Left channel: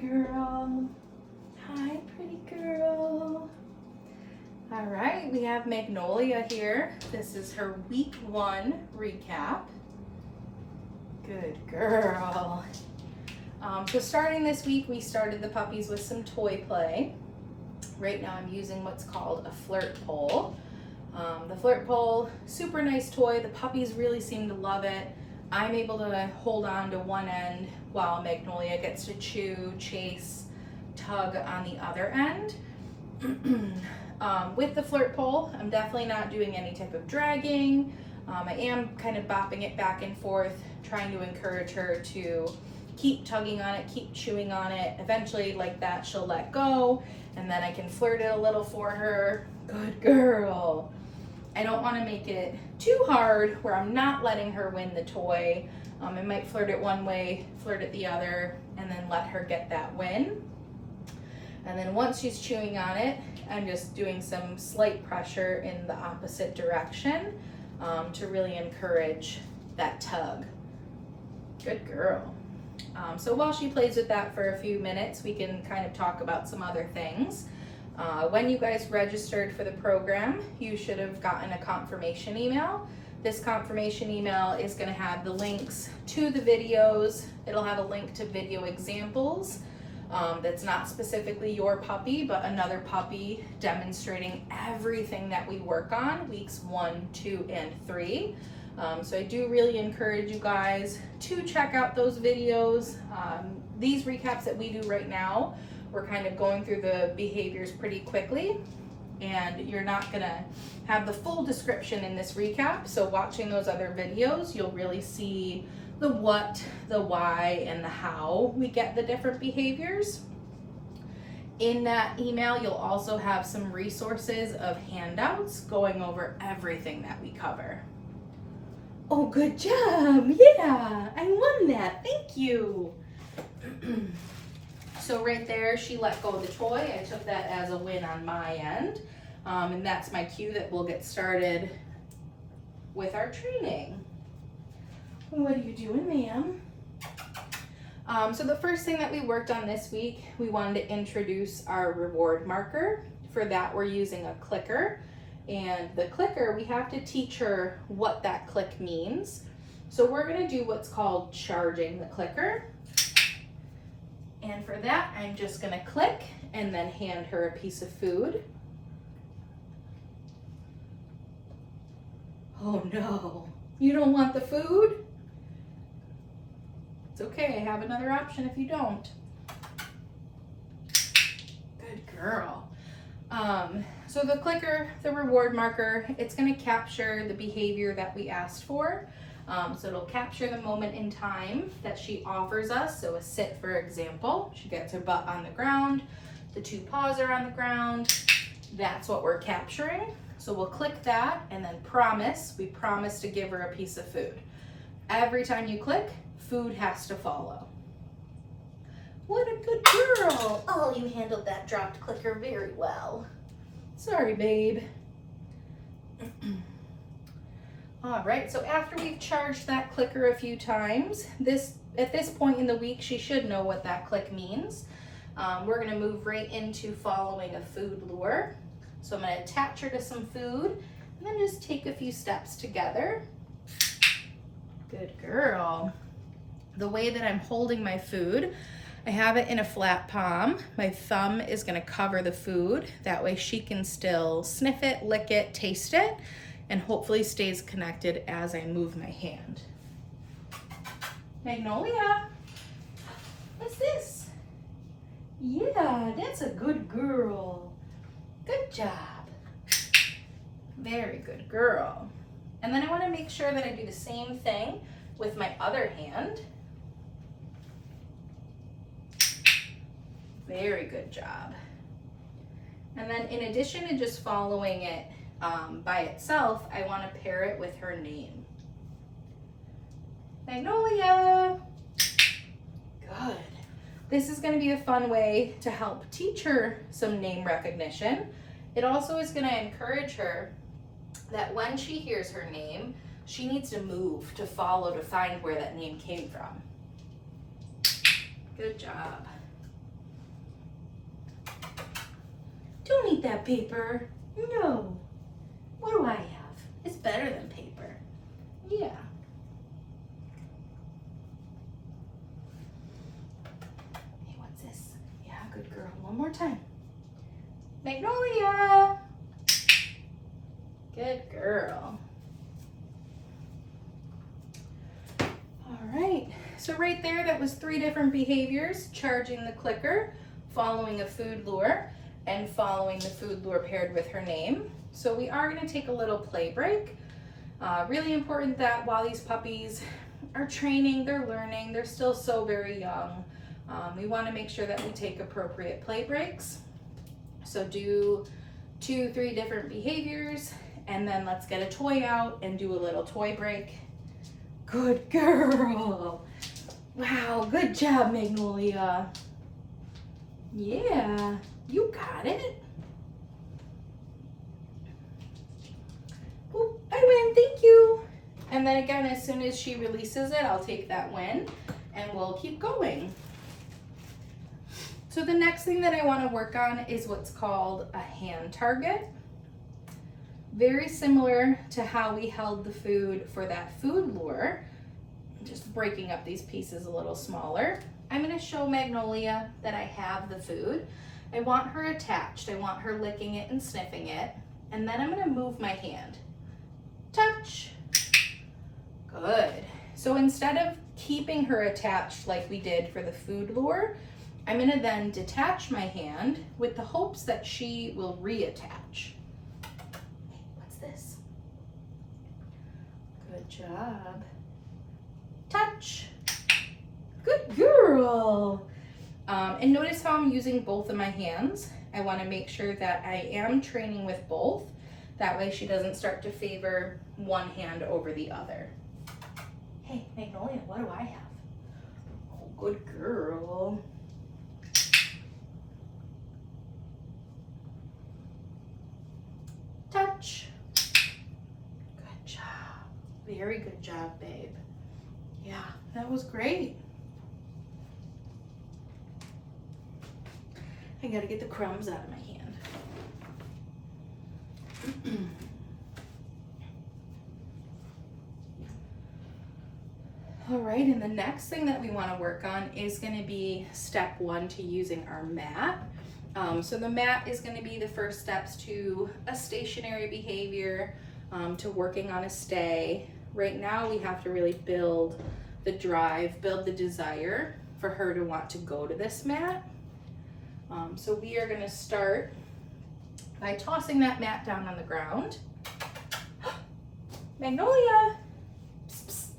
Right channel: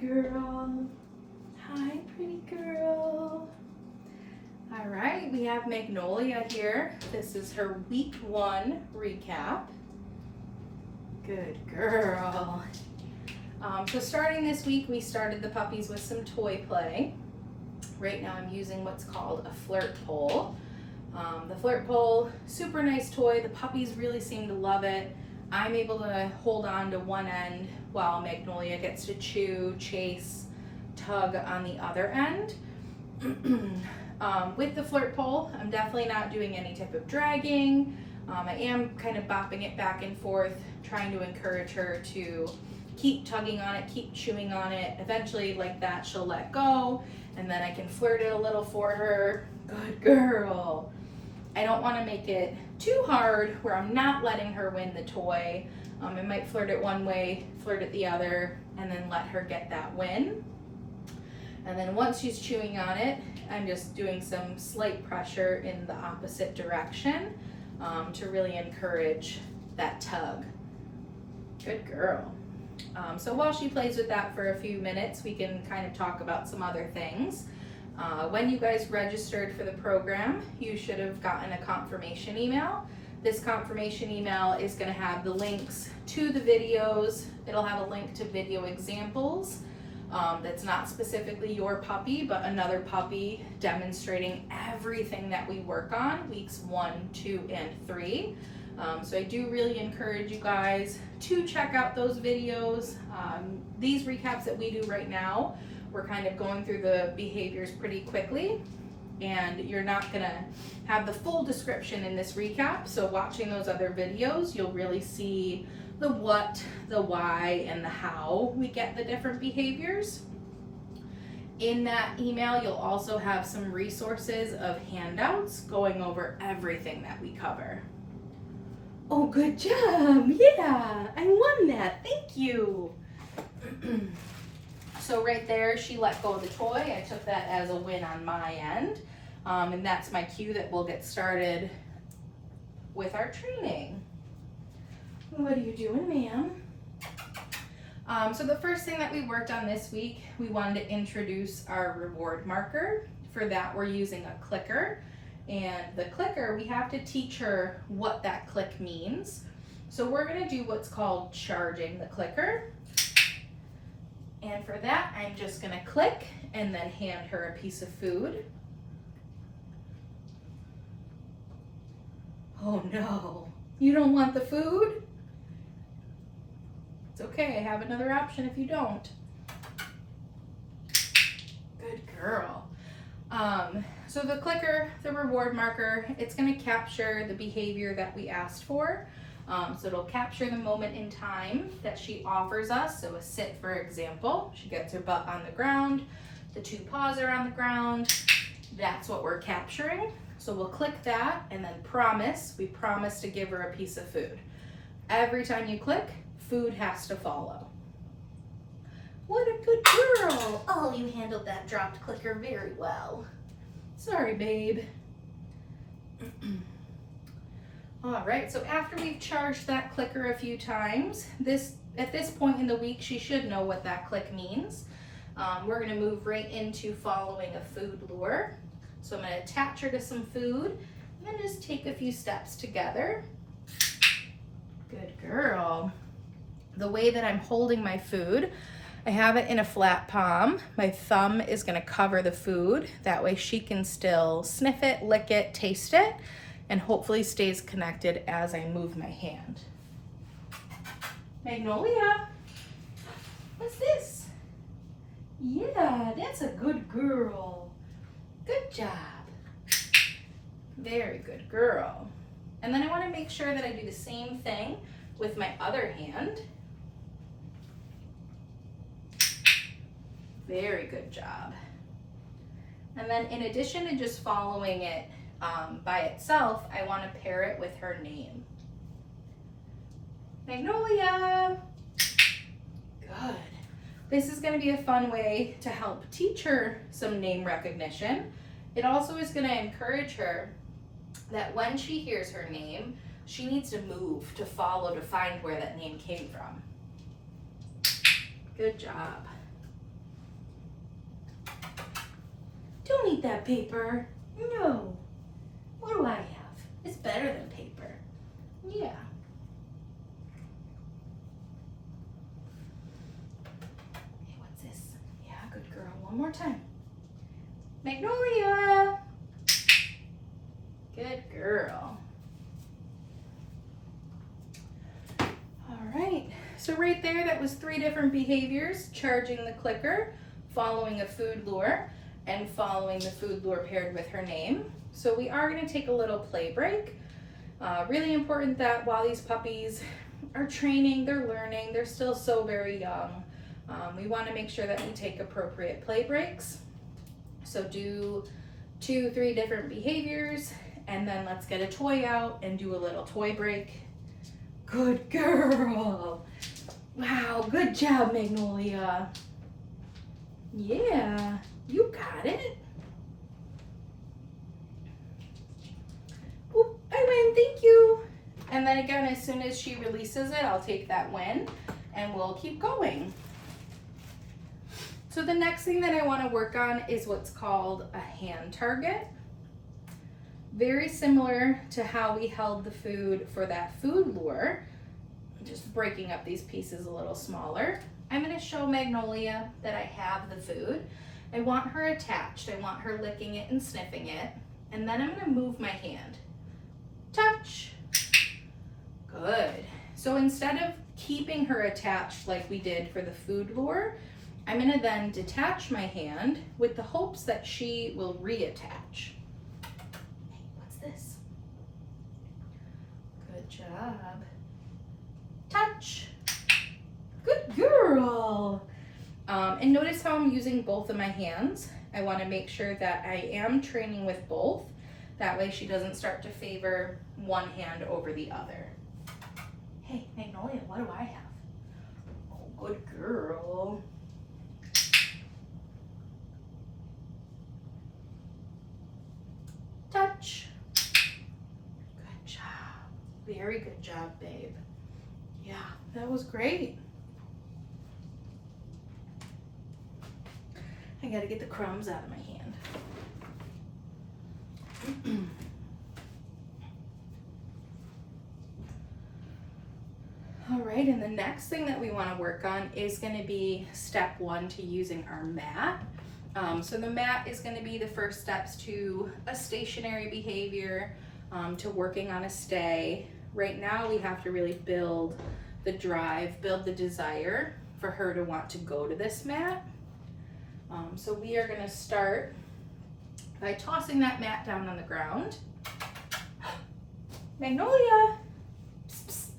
girl. Hi, pretty girl. All right, we have Magnolia here. This is her week 1 recap. Good girl. So starting this week, we started the puppies with some toy play. Right now I'm using what's called a flirt pole. The flirt pole, super nice toy. The puppies really seem to love it. I'm able to hold on to one end while Magnolia gets to chew, chase, tug on the other end. With the flirt pole, I'm definitely not doing any type of dragging. I am kind of bopping it back and forth, trying to encourage her to keep tugging on it, keep chewing on it. Eventually, like that, she'll let go, and then I can flirt it a little for her. Good girl. I don't want to make it too hard where I'm not letting her win the toy. I might flirt it one way, flirt it the other, and then let her get that win. And then once she's chewing on it, I'm just doing some slight pressure in the opposite direction to really encourage that tug. Good girl. So while she plays with that for a few minutes, we can kind of talk about some other things. When you guys registered for the program, you should have gotten a confirmation email. This confirmation email is going to have the links to the videos. It'll have a link to video examples that's not specifically your puppy, but another puppy, demonstrating everything that we work on weeks 1, 2, and 3. So I do really encourage you guys to check out those videos. These recaps that we do right now, we're kind of going through the behaviors pretty quickly, and you're not gonna have the full description in this recap. So watching those other videos, you'll really see the what, the why, and the how we get the different behaviors. In that email, you'll also have some resources of handouts going over everything that we cover. Oh, good job. Yeah, I won that. Thank you. So right there, she let go of the toy. I took that as a win on my end. And that's my cue that we'll get started with our training. What are you doing, ma'am? So the first thing that we worked on this week, we wanted to introduce our reward marker. For that, we're using a clicker. And the clicker, we have to teach her what that click means. So we're gonna do what's called charging the clicker. And for that, I'm just gonna click and then hand her a piece of food. Oh no, you don't want the food? It's okay, I have another option if you don't. Good girl. So the clicker, the reward marker, it's gonna capture the behavior that we asked for. So it'll capture the moment in time that she offers us. So a sit, for example, she gets her butt on the ground, the 2 paws are on the ground. That's what we're capturing. So we'll click that and then we promise to give her a piece of food. Every time you click, food has to follow. What a good girl. Oh, you handled that dropped clicker very well. Sorry, babe. All right, so after we've charged that clicker a few times, at this point in the week, she should know what that click means. We're gonna move right into following a food lure. So I'm gonna attach her to some food and then just take a few steps together. Good girl. The way that I'm holding my food, I have it in a flat palm. My thumb is gonna cover the food. That way she can still sniff it, lick it, taste it, and hopefully stays connected as I move my hand. Magnolia, what's this? Yeah, that's a good girl. Good job. Very good girl. And then I want to make sure that I do the same thing with my other hand. Very good job. And then in addition to just following it by itself, I want to pair it with her name. Magnolia. Good. This is going to be a fun way to help teach her some name recognition. It also is going to encourage her that when she hears her name, she needs to move to follow to find where that name came from. Good job. Don't eat that paper. No. What do I have? It's better than paper. Yeah. Hey, what's this? Yeah, good girl. One more time. Magnolia. Good girl. All right. So right there, that was 3 different behaviors: charging the clicker, following a food lure, and following the food lure paired with her name. So we are going to take a little play break. Really important that while these puppies are training, they're learning, they're still so very young. We want to make sure that we take appropriate play breaks. So do 2-3 different behaviors, and then let's get a toy out and do a little toy break. Good girl. Wow, good job, Magnolia. Yeah, you got it. Oop, I win, thank you. And then again, as soon as she releases it, I'll take that win and we'll keep going. So the next thing that I want to work on is what's called a hand target. Very similar to how we held the food for that food lure, just breaking up these pieces a little smaller. I'm going to show Magnolia that I have the food. I want her attached. I want her licking it and sniffing it. And then I'm going to move my hand. Touch. Good. So instead of keeping her attached like we did for the food lure, I'm going to then detach my hand with the hopes that she will reattach. Hey, what's this? Good job. Touch. Good girl. And notice how I'm using both of my hands. I want to make sure that I am training with both. That way she doesn't start to favor one hand over the other. Hey, Magnolia, what do I have? Oh, good girl. Touch. Good job. Very good job, babe. Yeah, that was great. I gotta get the crumbs out of my hand. All right, and the next thing that we want to work on is going to be step 1 to using our mat. So the mat is going to be the first steps to a stationary behavior, to working on a stay. Right now we have to really build the drive, build the desire for her to want to go to this mat. So we are going to start by tossing that mat down on the ground. Magnolia! Psst, psst.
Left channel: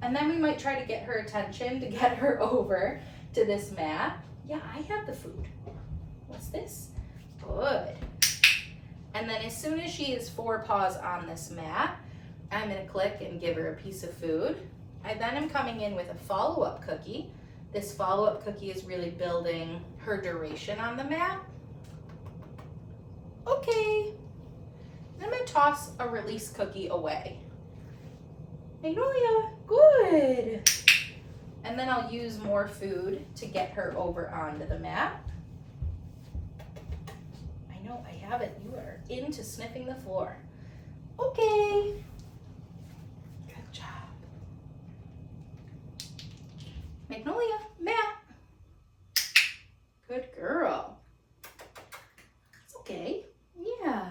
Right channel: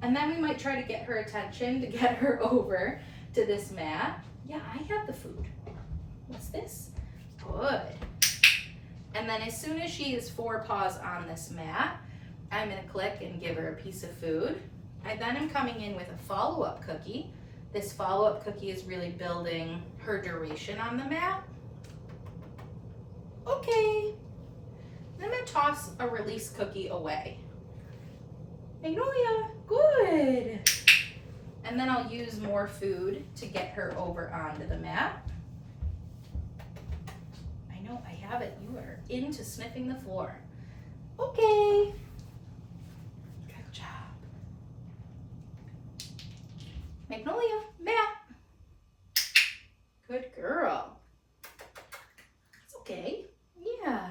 And then we might try to get her attention to get her over to this mat. Yeah, I have the food. What's this? Good. And then as soon as she is 4 paws on this mat, I'm going to click and give her a piece of food. I then am coming in with a follow-up cookie. This follow-up cookie is really building her duration on the mat. Okay. I'm going to toss a release cookie away. Magnolia, good. And then I'll use more food to get her over onto the mat. I know, I have it. You are into sniffing the floor. Okay. Good job. Magnolia, mat. Good girl. It's okay. Yeah.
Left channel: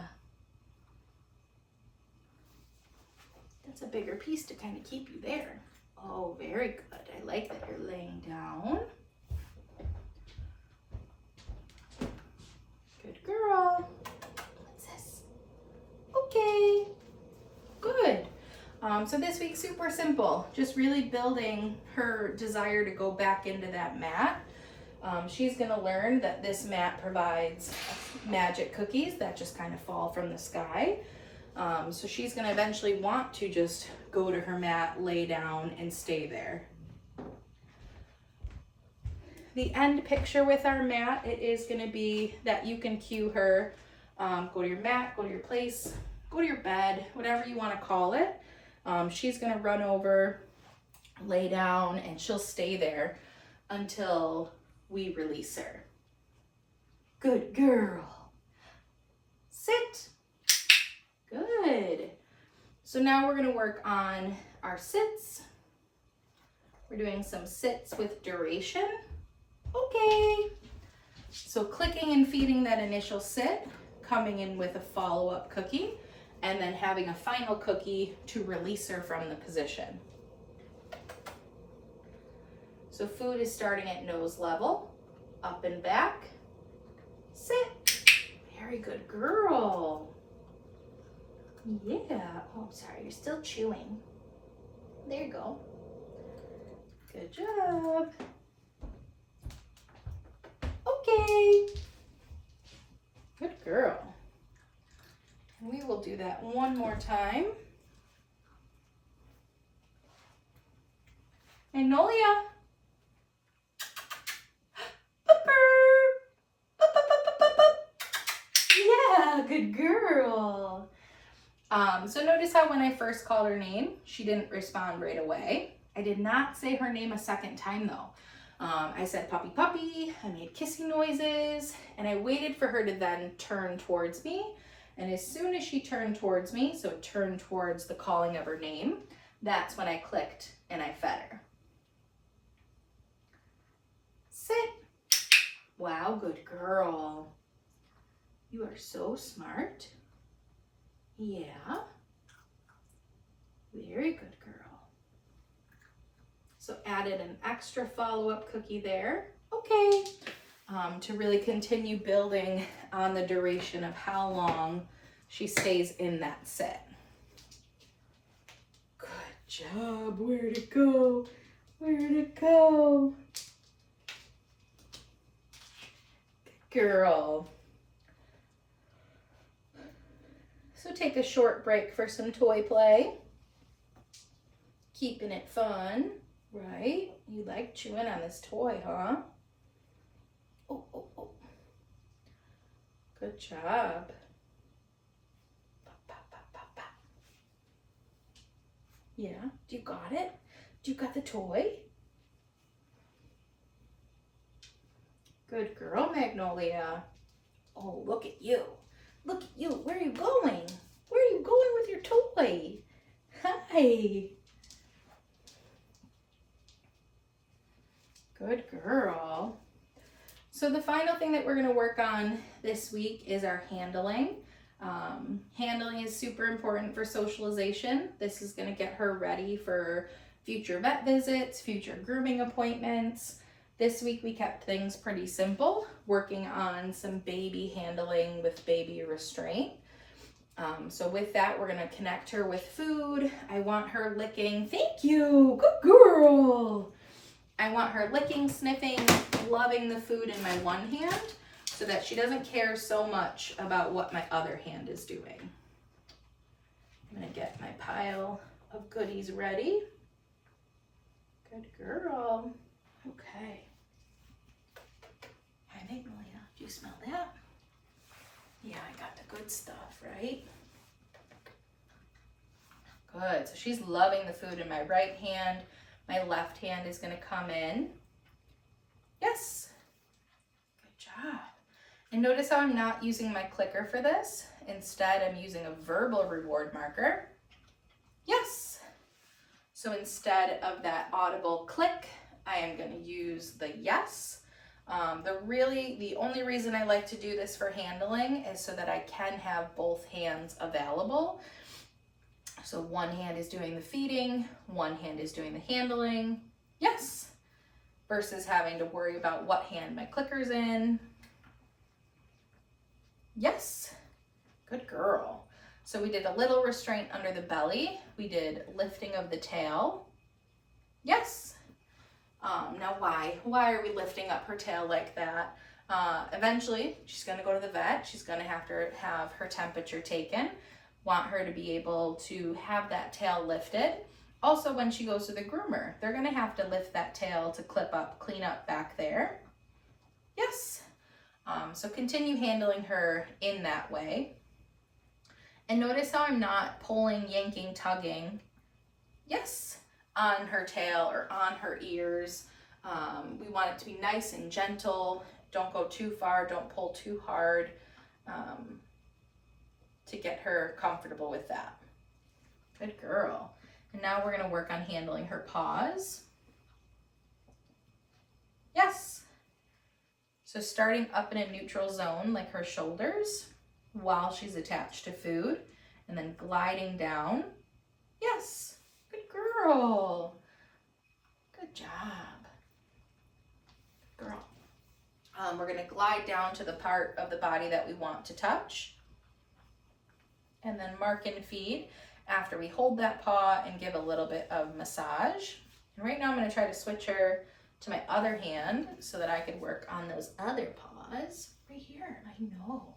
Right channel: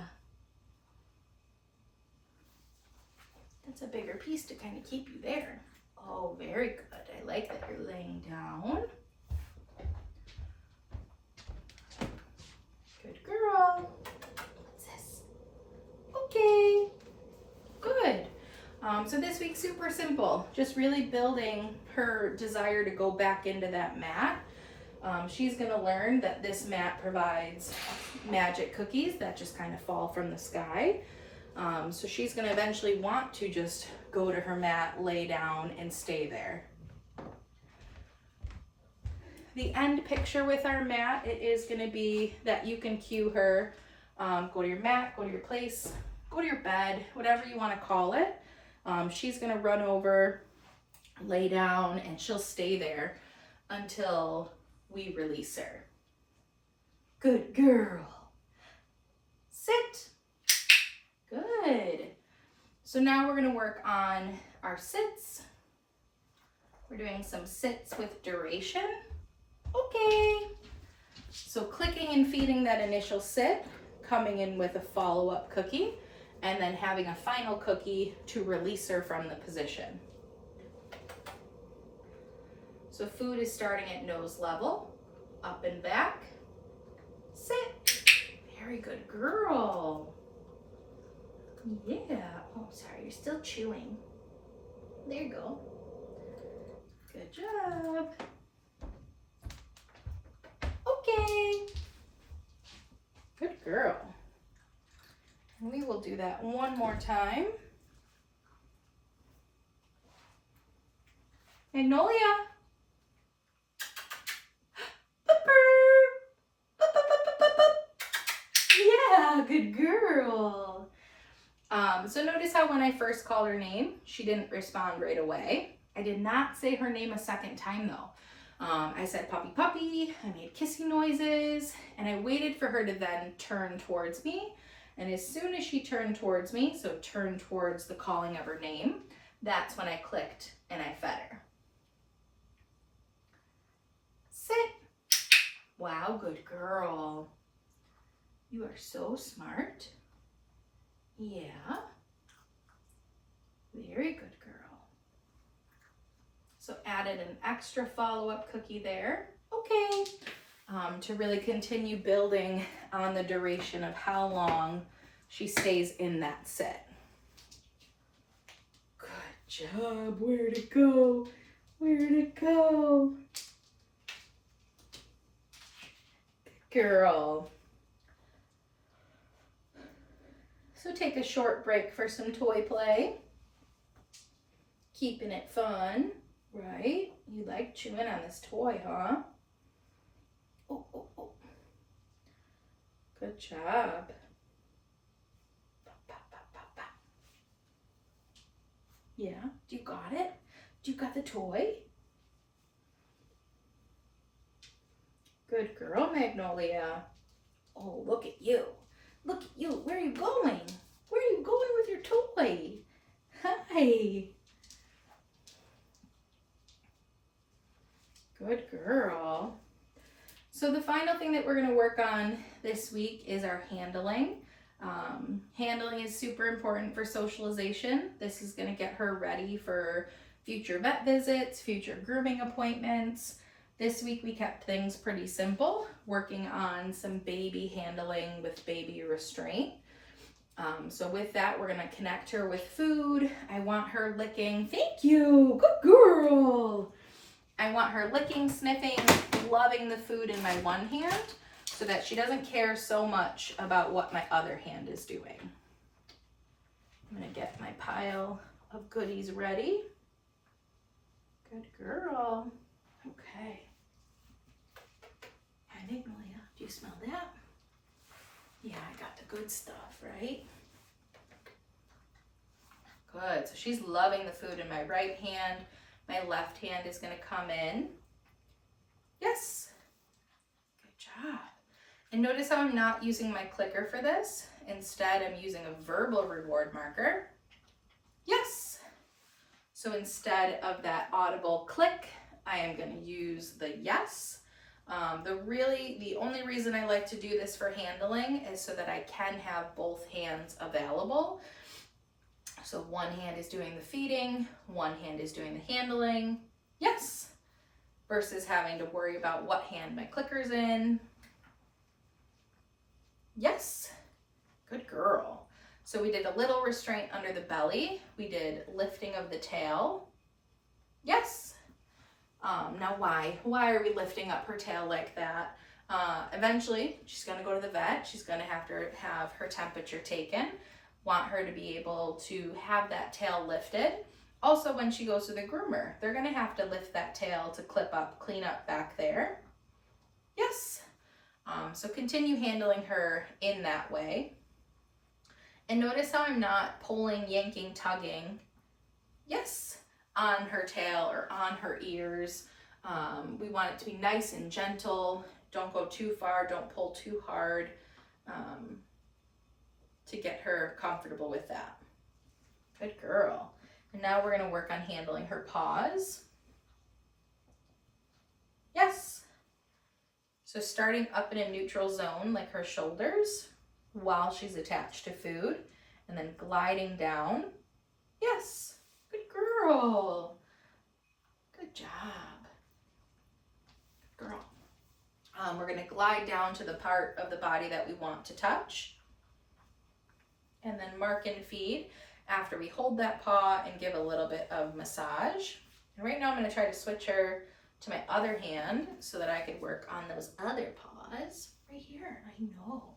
That's a bigger piece to kind of keep you there. Oh, very good. I like that you're laying down. Good girl. What's this? Okay. Good. So this week's super simple. Just really building her desire to go back into that mat. She's going to learn that this mat provides magic cookies that just kind of fall from the sky. So she's going to eventually want to just go to her mat, lay down, and stay there. The end picture with our mat, it is going to be that you can cue her, go to your mat, go to your place, go to your bed, whatever you want to call it. She's going to run over, lay down, and she'll stay there until we release her. Good girl. sit. Good. So now we're going to work on our sits. We're doing some sits with duration. Okay. So clicking and feeding that initial sit, coming in with a follow-up cookie, and then having a final cookie to release her from the position. So food is starting at nose level, up and back, sit. Very good girl. Yeah. Oh, sorry, you're still chewing. There you go. Good job. Okay. Good girl. And we will do that one more time. Magnolia. Yeah, good girl. So notice how when I first called her name, she didn't respond right away. I did not say her name a second time though. I said puppy puppy, I made kissing noises, and I waited for her to then turn towards me. And as soon as she turned towards me, so turned towards the calling of her name, that's when I clicked and I fed her. Sit. Wow, good girl. You are so smart. Yeah. Very good girl. So added an extra follow-up cookie there. Okay. To really continue building on the duration of how long she stays in that sit. Good job. Where'd it go? Where'd it go? Good girl. So take a short break for some toy play. Keeping it fun, right? You like chewing on this toy, huh? Oh, oh, oh. Good job. Pop, pop, pop, pop, pop. Yeah, you got it? You got the toy? Good girl, Magnolia. Oh, look at you. Look at you. Where are you going? Where are you going with your toy? Hi. Good girl. So the final thing that we're going to work on this week is our handling. Handling is super important for socialization. This is going to get her ready for future vet visits, future grooming appointments. This week we kept things pretty simple, working on some baby handling with baby restraint. So with that, we're going to connect her with food. I want her licking. Thank you. Good girl. I want her licking, sniffing, loving the food in my one hand so that she doesn't care so much about what my other hand is doing. I'm going to get my pile of goodies ready. Good girl. Okay. Hi, Magnolia. Do you smell that? Yeah, I got the good stuff, right? Good. So she's loving the food in my right hand. My left hand is going to come in. Yes. Good job. And notice how I'm not using my clicker for this. Instead, I'm using a verbal reward marker. Yes. So instead of that audible click, I am going to use the yes. The only reason I like to do this for handling is so that I can have both hands available. So one hand is doing the feeding, one hand is doing the handling. Yes. Versus having to worry about what hand my clicker's in. Yes. Good girl. So we did a little restraint under the belly. We did lifting of the tail. Yes. Now why? Why are we lifting up her tail like that? Eventually, she's going to go to the vet. She's going to have her temperature taken. Want her to be able to have that tail lifted. Also, when she goes to the groomer, they're going to have to lift that tail to clip up, clean up back there. Yes. So continue handling her in that way. And notice how I'm not pulling, yanking, tugging. Yes. On her tail or on her ears. We want it to be nice and gentle. Don't go too far. Don't pull too hard. to get her comfortable with that. Good girl. And now we're gonna work on handling her paws. Yes. So starting up in a neutral zone, like her shoulders, while she's attached to food, and then gliding down. Yes. Good girl. Good job. Good girl. We're gonna glide down to the part of the body that we want to touch, and then mark and feed after we hold that paw and give a little bit of massage. And right now I'm gonna try to switch her to my other hand so that I could work on those other paws. Right here, I know.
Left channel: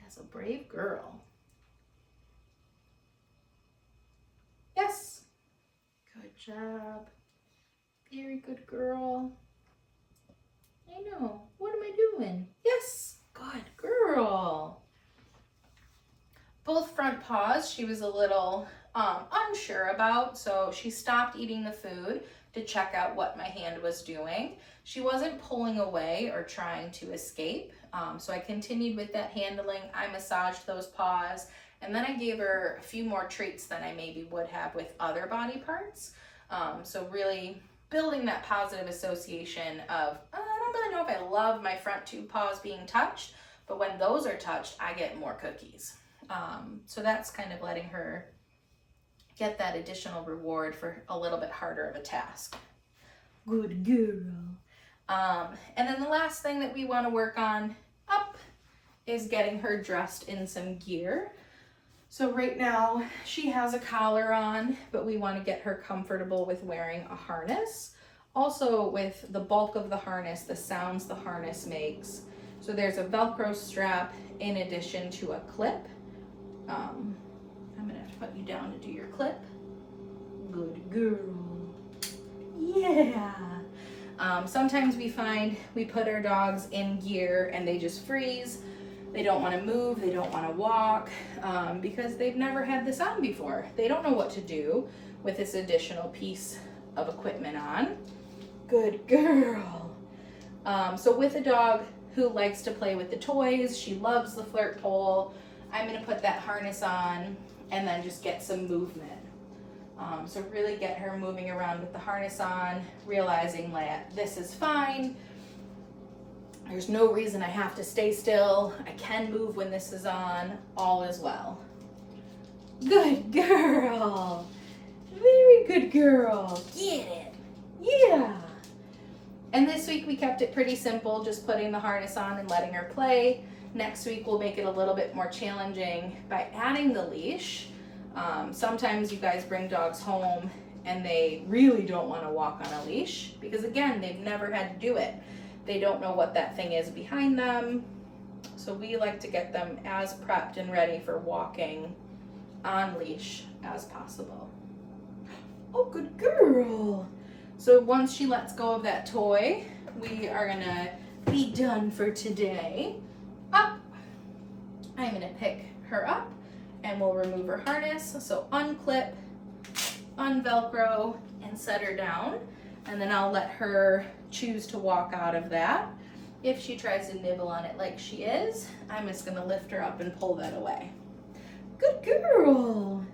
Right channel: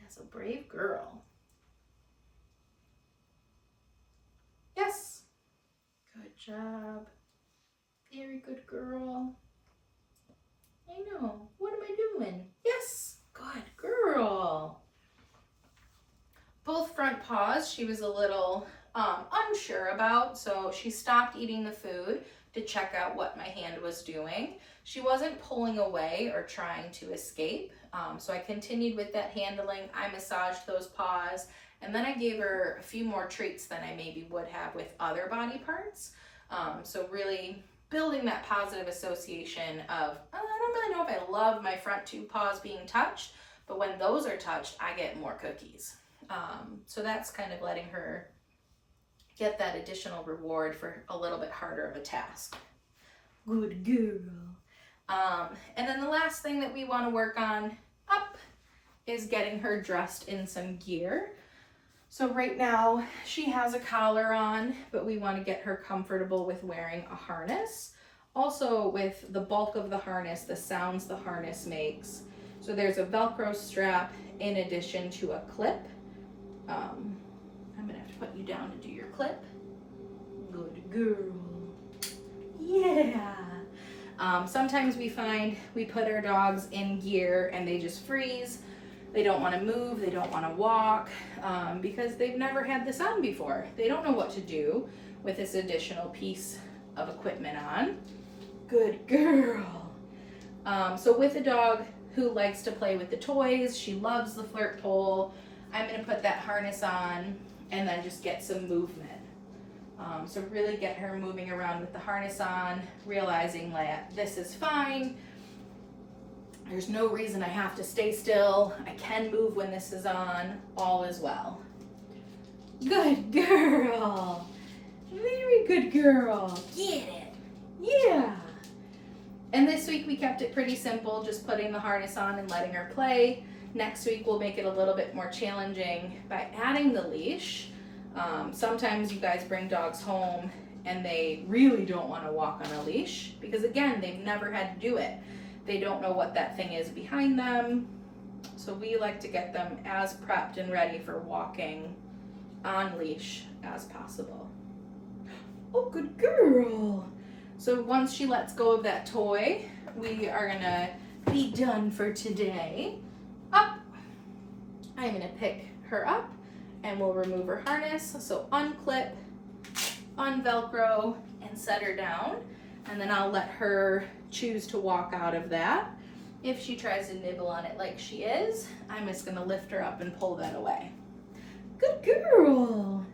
Yes, a brave girl. Yes. Good job. Very good girl. I know. What am I doing? Yes. Good girl. Both front paws she was a little unsure about, so she stopped eating the food to check out what my hand was doing. She wasn't pulling away or trying to escape, so I continued with that handling. I massaged those paws, and then I gave her a few more treats than I maybe would have with other body parts. So really building that positive association of, I don't really know if I love my front two paws being touched, but when those are touched, I get more cookies. So that's kind of letting her get that additional reward for a little bit harder of a task. Good girl. And then the last thing that we want to work on up is getting her dressed in some gear. So right now she has a collar on, but we want to get her comfortable with wearing a harness. Also with the bulk of the harness, the sounds the harness makes. So there's a Velcro strap in addition to a clip. I'm gonna have to put you down to do your clip. Good girl. Yeah. Sometimes we find we put our dogs in gear and they just freeze. They don't want to move, they don't want to walk, because they've never had this on before. They don't know what to do with this additional piece of equipment on. Good girl. So with a dog who likes to play with the toys, she loves the flirt pole, I'm going to put that harness on and then just get some movement. So really get her moving around with the harness on, realizing that this is fine. There's no reason I have to stay still. I can move when this is on. All is well. Good girl. Very good girl. Get it. Yeah. And this week we kept it pretty simple, just putting the harness on and letting her play. Next week we'll make it a little bit more challenging by adding the leash. Sometimes you guys bring dogs home and they really don't want to walk on a leash because again, they've never had to do it. They don't know what that thing is behind them. So we like to get them as prepped and ready for walking on leash as possible. Oh, good girl. So once she lets go of that toy, we are gonna be done for today. Up. I'm gonna pick her up and we'll remove her harness. So unclip, unvelcro, and set her down. And then I'll let her choose to walk out of that. If she tries to nibble on it like she is, I'm just gonna lift her up and pull that away. Good girl.